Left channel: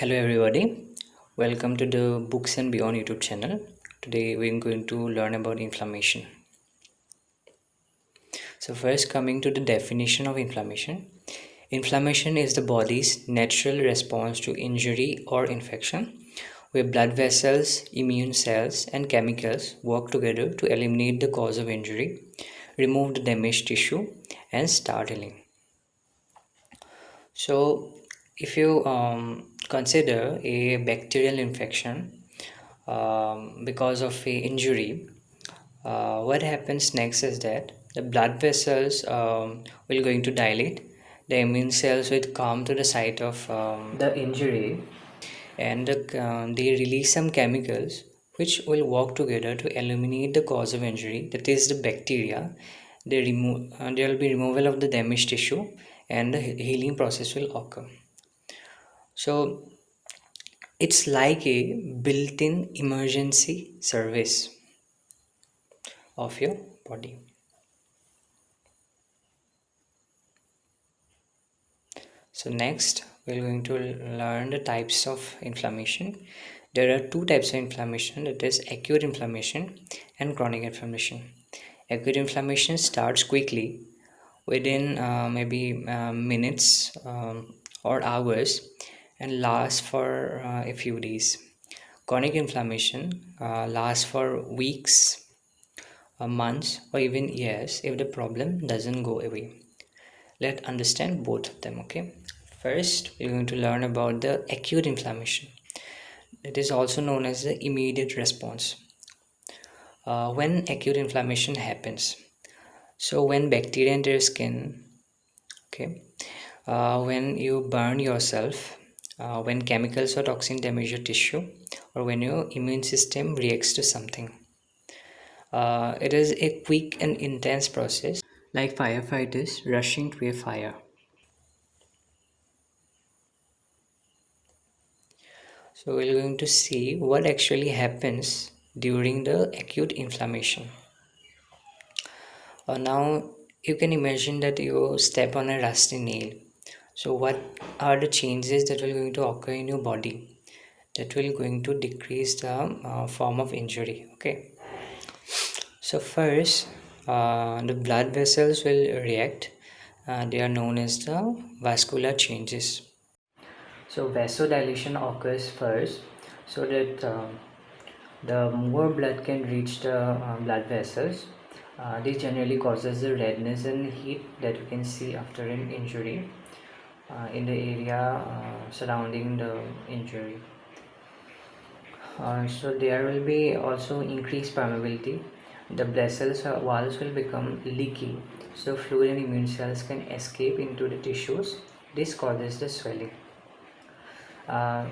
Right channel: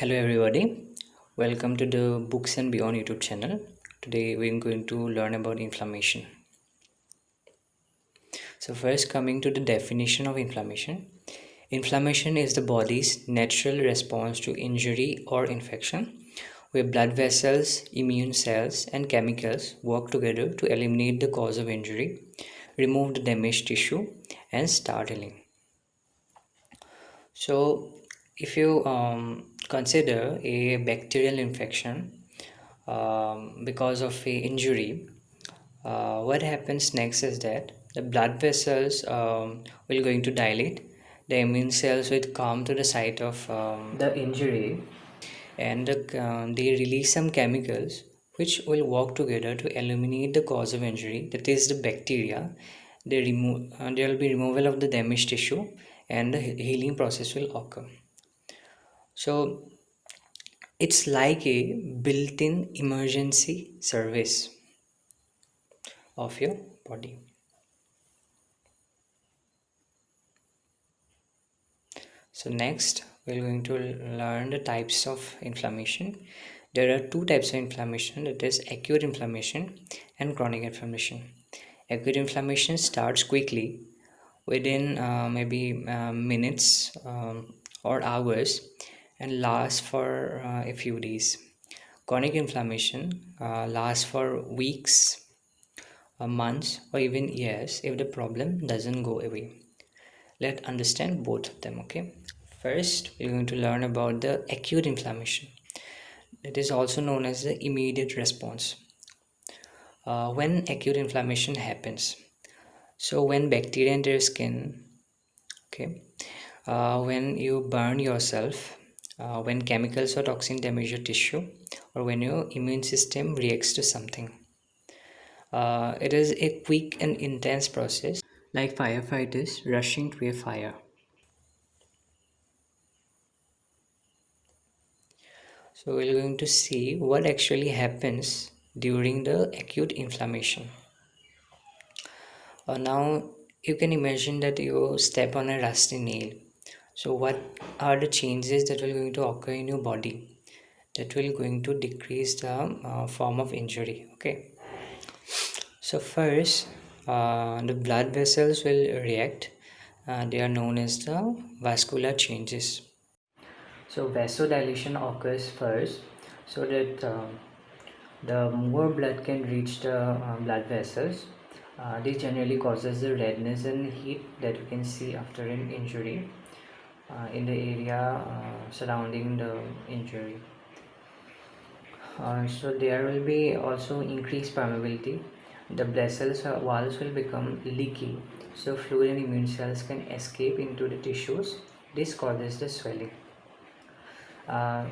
Hello everybody, welcome to the Books and Beyond YouTube channel. Today we're going to learn about inflammation. So first, coming to the definition of inflammation. Inflammation is the body's natural response to injury or infection, where blood vessels, immune cells and chemicals work together to eliminate the cause of injury, remove the damaged tissue and start healing. So if you consider a bacterial infection because of a injury, what happens next is that the blood vessels will going to dilate, the immune cells will come to the site of the injury, and they release some chemicals which will work together to eliminate the cause of injury, that is the bacteria. There will be removal of the damaged tissue and the healing process will occur. So it's like a built-in emergency service of your body. So next we're going to learn the types of inflammation. There are two types of inflammation, that is acute inflammation and chronic inflammation. Acute inflammation starts quickly within maybe minutes or hours and lasts for a few days. Chronic inflammation lasts for weeks, months or even years if the problem doesn't go away. Let's understand both of them. Okay, first we're going to learn about the acute inflammation. It is also known as the immediate response. When acute inflammation happens, so when bacteria enter your skin, okay, when you burn yourself, when chemicals or toxin damage your tissue, or when your immune system reacts to something. It is a quick and intense process, like firefighters rushing to a fire. So we're going to see what actually happens during the acute inflammation. Now you can imagine that you step on a rusty nail. So what are the changes that will going to occur in your body that will going to decrease the form of injury? Okay. So first, the blood vessels will react. They are known as the vascular changes. So vasodilation occurs first, so that the more blood can reach the blood vessels. This generally causes the redness and heat that you can see after an injury in the area surrounding the injury. So there will be also increased permeability. The vessels walls will become leaky, so fluid and immune cells can escape into the tissues. This causes the swelling. Uh,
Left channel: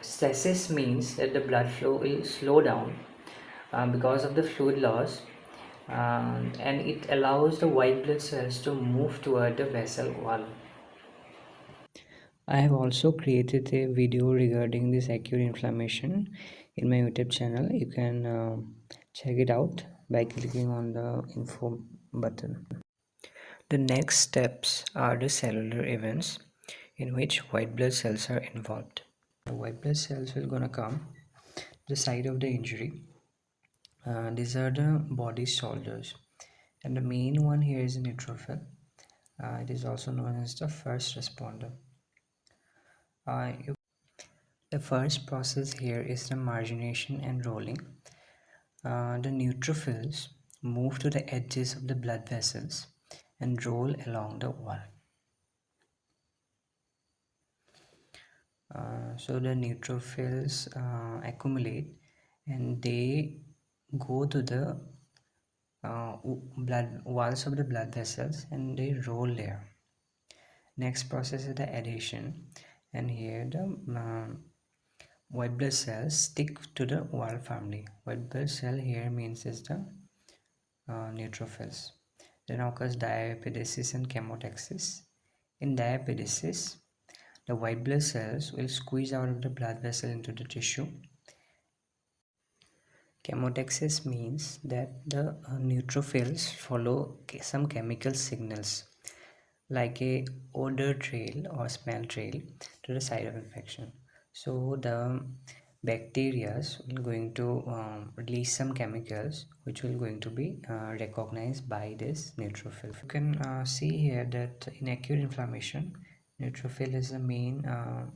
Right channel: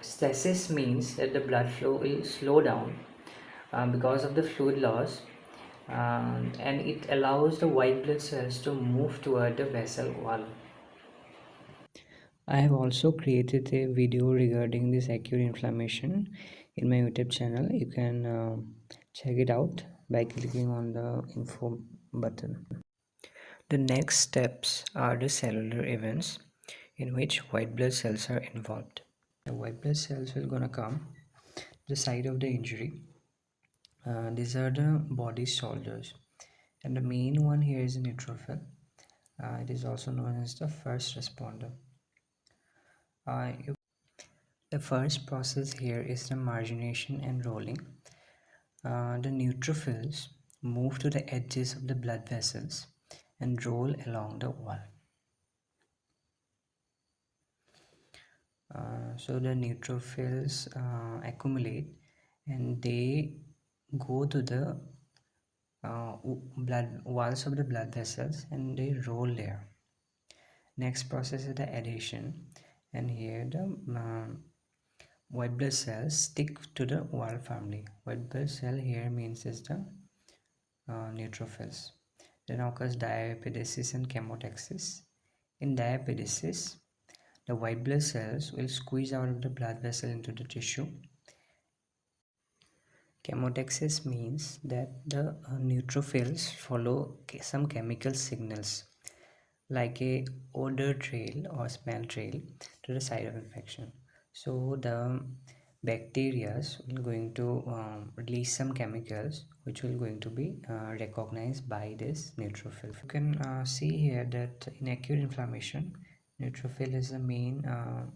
Stasis means that the blood flow will slow down because of the fluid loss, and it allows the white blood cells to move toward the vessel wall. I have also created a video regarding this acute inflammation in my YouTube channel. You can check it out by clicking on the info button. The next steps are the cellular events in which white blood cells are involved. The white blood cells will gonna come the site of the injury. These are the body soldiers, and the main one here is neutrophil. It is also known as the first responder. The first process here is the margination and rolling. The neutrophils move to the edges of the blood vessels and roll along the wall. So the neutrophils accumulate and they go to the blood walls of the blood vessels and they roll there. Next process is the adhesion, and here the white blood cells stick to the wall family. White blood cell here means is the neutrophils. Then occurs diapedesis and chemotaxis. In diapedesis, the white blood cells will squeeze out of the blood vessel into the tissue. Chemotaxis means that the neutrophils follow some chemical signals like a odor trail or smell trail to the site of infection. So the bacteria will going to release some chemicals which will going to be recognized by this neutrophil. You can see here that in acute inflammation, neutrophil is the main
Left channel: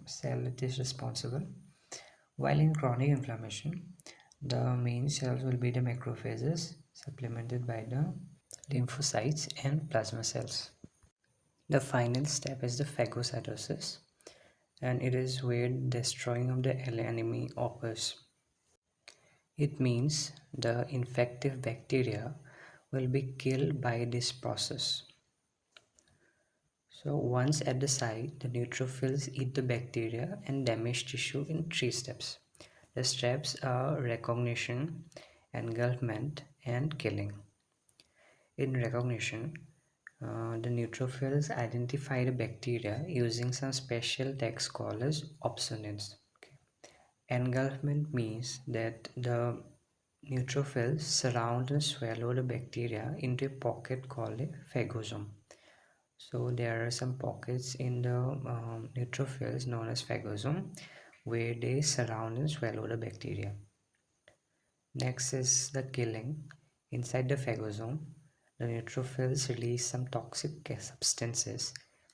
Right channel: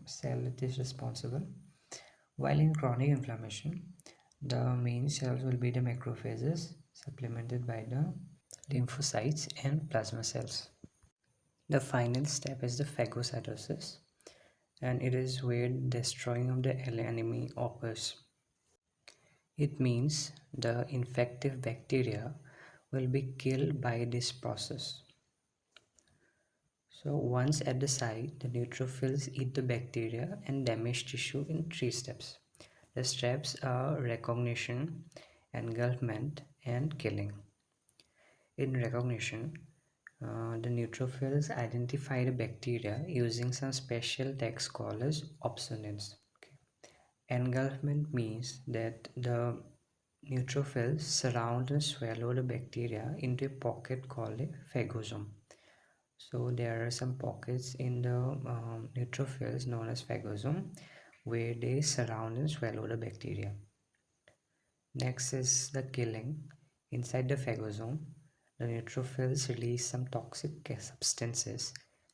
cell that is responsible, while in chronic inflammation, the main cells will be the macrophages supplemented by the lymphocytes and plasma cells. The final step is the phagocytosis, and it is where destroying of the enemy occurs. It means the infective bacteria will be killed by this process. So once at the site, the neutrophils eat the bacteria and damage tissue in 3 steps. The steps are recognition, engulfment, and killing. In recognition, the neutrophils identify the bacteria using some special tags called as opsonins. Okay. Engulfment means that the neutrophils surround and swallow the bacteria into a pocket called a phagosome. So there are some pockets in the neutrophils known as phagosome where they surround and swallow the bacteria. Next is the killing. Inside the phagosome, the neutrophils release some toxic substances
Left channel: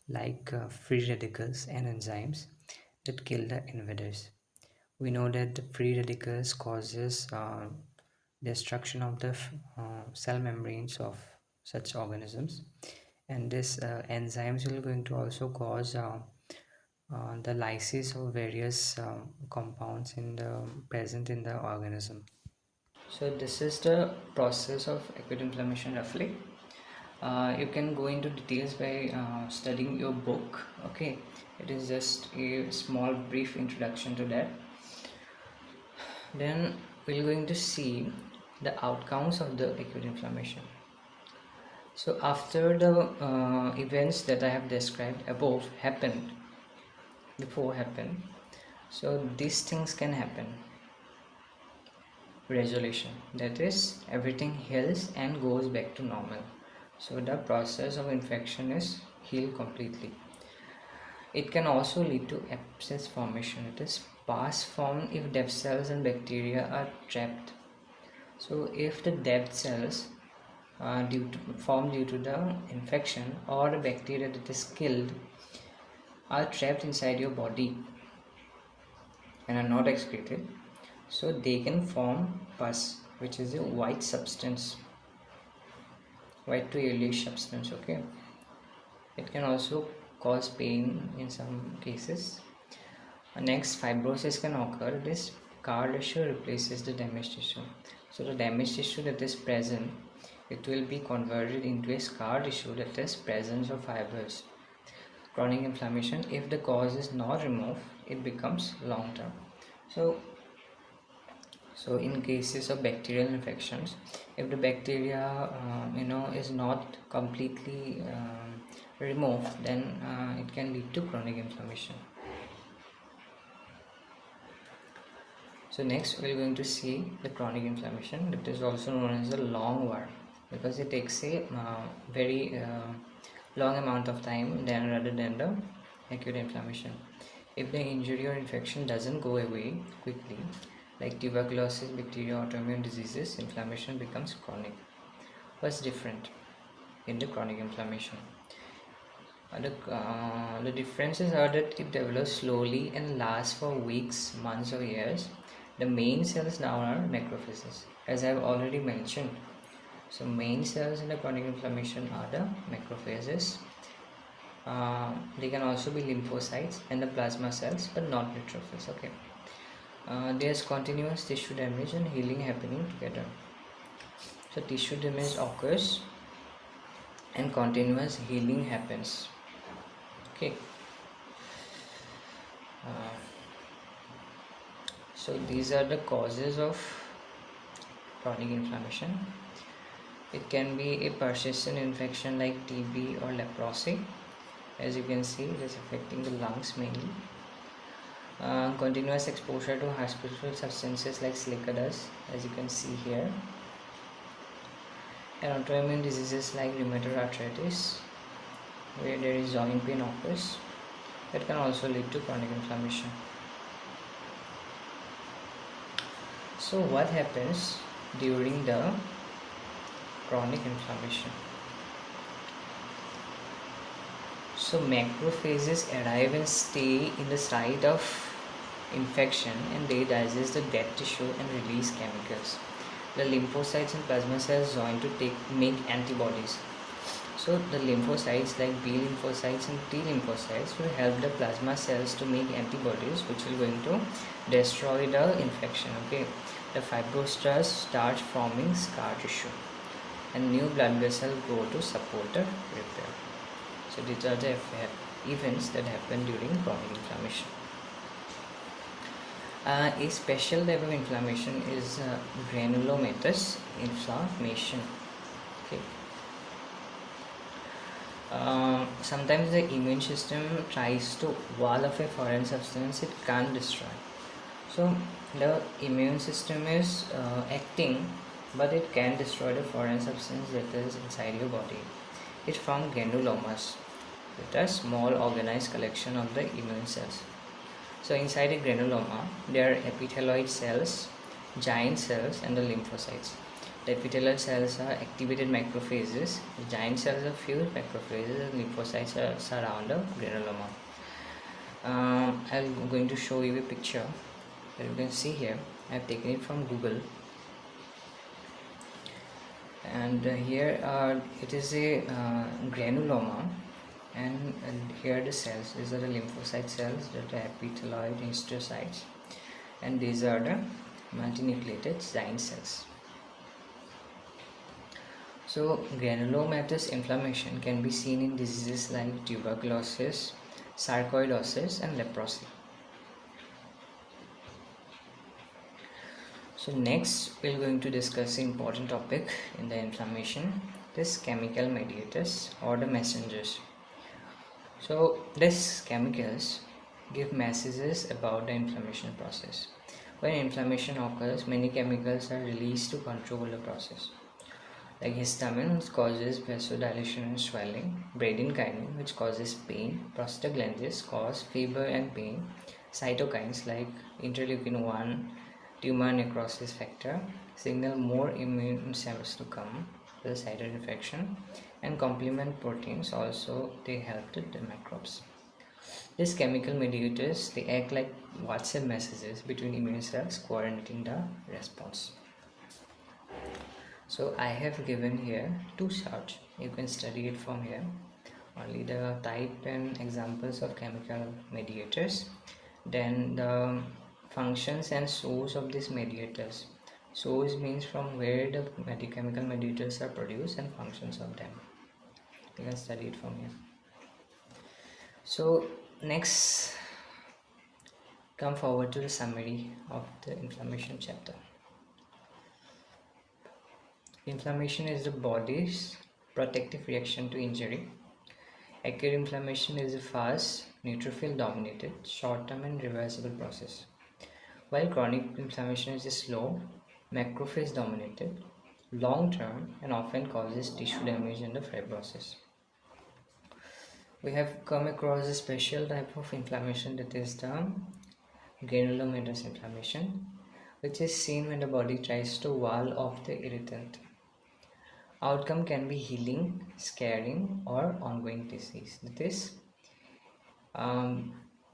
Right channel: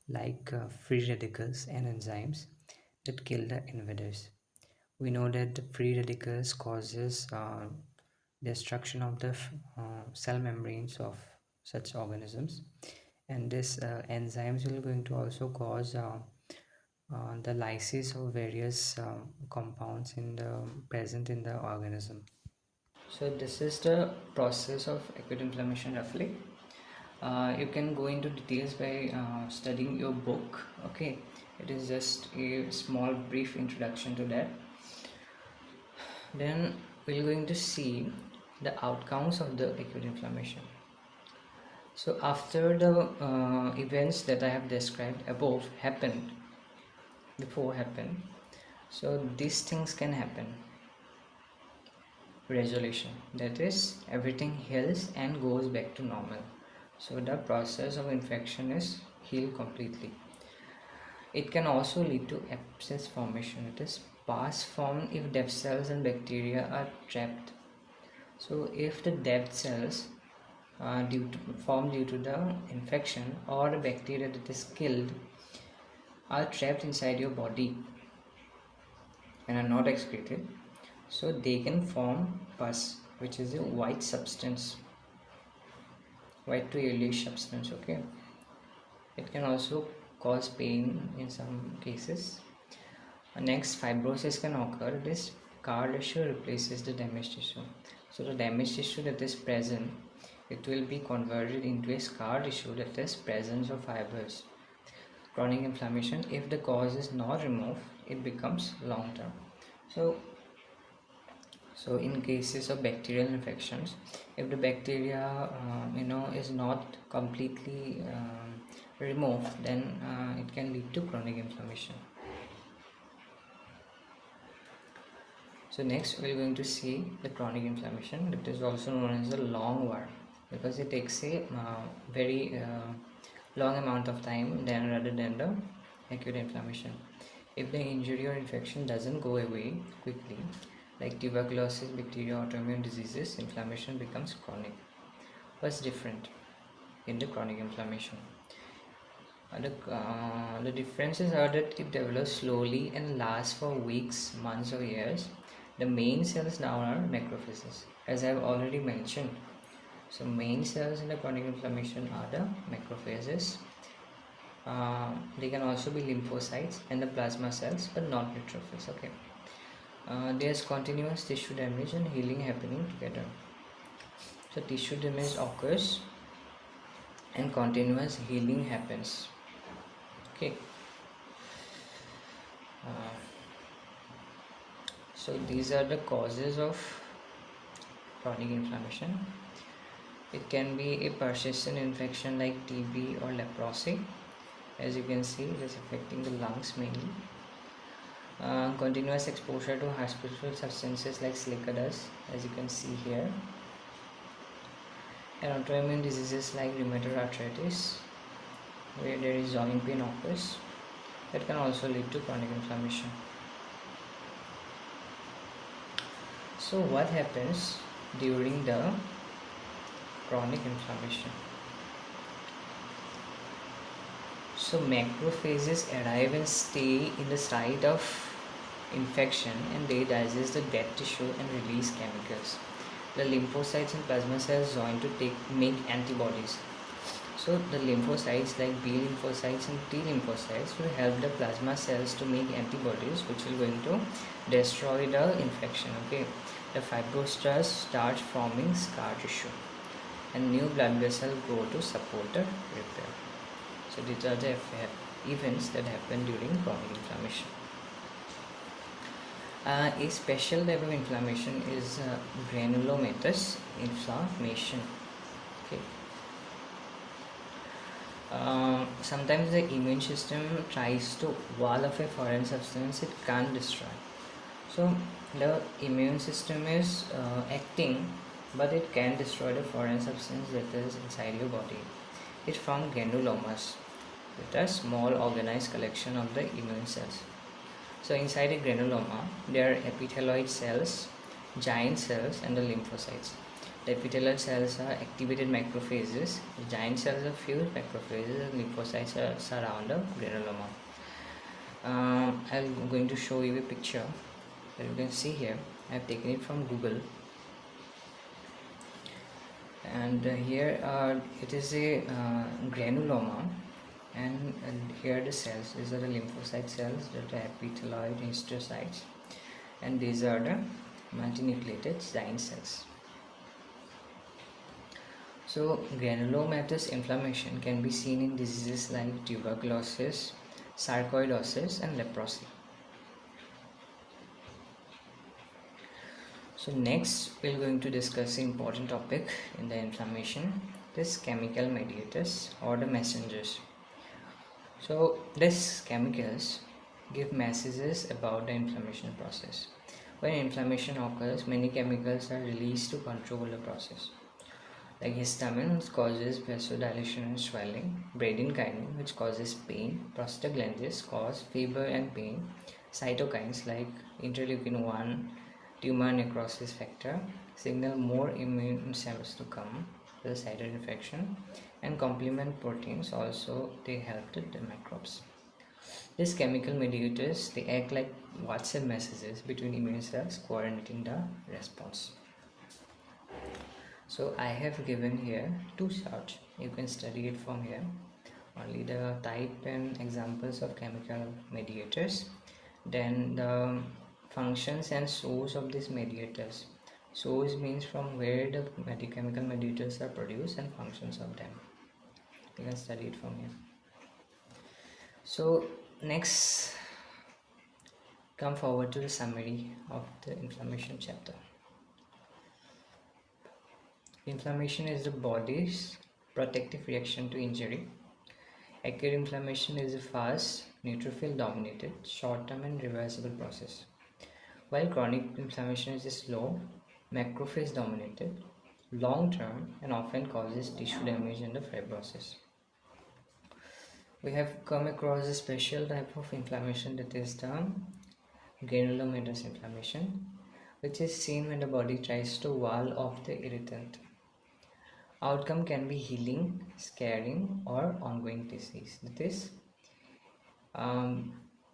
like free radicals and enzymes that kill the invaders. We know that the free radicals causes destruction of the cell membranes of such organisms, and this enzymes will going to also cause the lysis of various compounds in the present in the organism. So this is the process of acute inflammation roughly. You can go into details by studying your book. Okay, it is just a small brief introduction to that. Then we're going to see the outcomes of the acute inflammation. So after the events that I have described above before happened, so these things can happen. Resolution, that is, everything heals and goes back to normal. So the process of infection is healed completely. It can also lead to abscess formation. It is pus formed if dead cells and bacteria are trapped. So if the dead cells formed due to the infection or the bacteria that is killed are trapped inside your body and are not excreted, so they can form pus, which is a white substance, white to yellowish substance. Okay, it can also cause pain in some cases. Next, fibrosis can occur. This scar tissue replaces the damaged tissue. So the damaged tissue that is present, it will be converted into a scar tissue that is presence of fibers. Chronic inflammation, if the cause is not removed, it becomes long term. So in cases of bacterial infections, if the bacteria is not completely removed, then it can lead to chronic inflammation. So next we are going to see the chronic inflammation, that is also known as the long war, because it takes a very long amount of time rather than the acute inflammation. If the injury or infection doesn't go away quickly, like tuberculosis, bacteria, autoimmune diseases, inflammation becomes chronic. What's different in the chronic inflammation? The differences are that it develops slowly and lasts for weeks, months or years. The main cells now are macrophages, as I have already mentioned. So main cells in the chronic inflammation are the macrophages. They can also be lymphocytes and the plasma cells, but not neutrophils. Okay. There's continuous tissue damage and healing happening together. So tissue damage occurs and continuous healing happens. Okay. So these are the causes of chronic inflammation. It can be a persistent infection like TB or leprosy. As you can see, it is affecting the lungs mainly. Continuous exposure to harmful substances like silica dust, as you can see here. And autoimmune diseases like rheumatoid arthritis, where there is joint pain occurs. that can also lead to chronic inflammation. So what happens during the chronic inflammation? So macrophages arrive and stay in the site of infection, and they digest the dead tissue and release chemicals. The lymphocytes and plasma cells join to make antibodies. So the lymphocytes like B lymphocytes and T lymphocytes will help the plasma cells to make antibodies, which will going to destroy the infection. Okay, the fibroblasts start forming scar tissue, and new blood vessels grow to support the repair. So these are the events that happen during chronic inflammation. A special type of inflammation is granulomatous inflammation. Okay. Sometimes the immune system tries to wall off a foreign substance it can't destroy. So the immune system is acting, but it can destroy the foreign substance that is inside your body. It forms granulomas, that are small organized collection of the immune cells. So inside a granuloma, there are epithelioid cells, giant cells, and the lymphocytes. The epithelioid cells are activated macrophages, the giant cells are fused macrophages, and lymphocytes are surround the granuloma. I'm going to show you a picture that you can see here. I have taken it from Google, and here it is a granuloma, and here are the cells. These are the lymphocyte cells, that are epithelioid histiocytes, and these are the multinucleated giant cells. So granulomatous inflammation can be seen in diseases like tuberculosis, sarcoidosis, and leprosy. So next we are going to discuss an important topic in the inflammation, this chemical mediators or the messengers. So these chemicals give messages about the inflammation process. When inflammation occurs, many chemicals are released to control the process. Like histamine, which causes vasodilation and swelling, bradykinin, which causes pain, prostaglandins cause fever and pain, cytokines like interleukin-1, tumor necrosis factor, signal more immune cells to come to the site of infection, and complement proteins also, they help the microbes. These chemical mediators, they act like WhatsApp messages between immune cells, coordinating the response. So I have given here two charts. You can study it from here. Only the type and examples of chemical mediators, then the functions and source of these mediators. Source means from where the chemical mediators are produced, and functions of them. You can study it from here. So next, come forward to the summary of the inflammation chapter. Inflammation is the body's protective reaction to injury. Acute inflammation is a fast, neutrophil dominated, short-term and reversible process, while chronic inflammation is a slow, macrophage dominated, long-term, and often causes tissue damage and the fibrosis. We have come across a special type of inflammation, that is the granulomatous inflammation, which is seen when the body tries to wall off the irritant. Outcome can be healing, scarring, or ongoing disease. That is,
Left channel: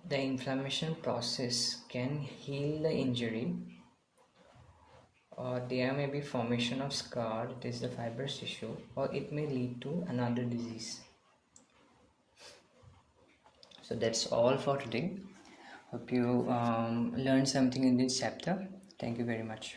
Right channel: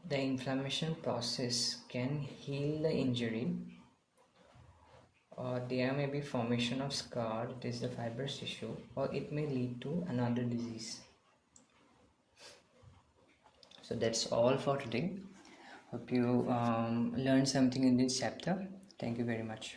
the inflammation process can heal the injury, or there may be formation of scar, that is the fibrous tissue, or it may lead to another disease. So that's all for today. Hope you learned something in this chapter. Thank you very much.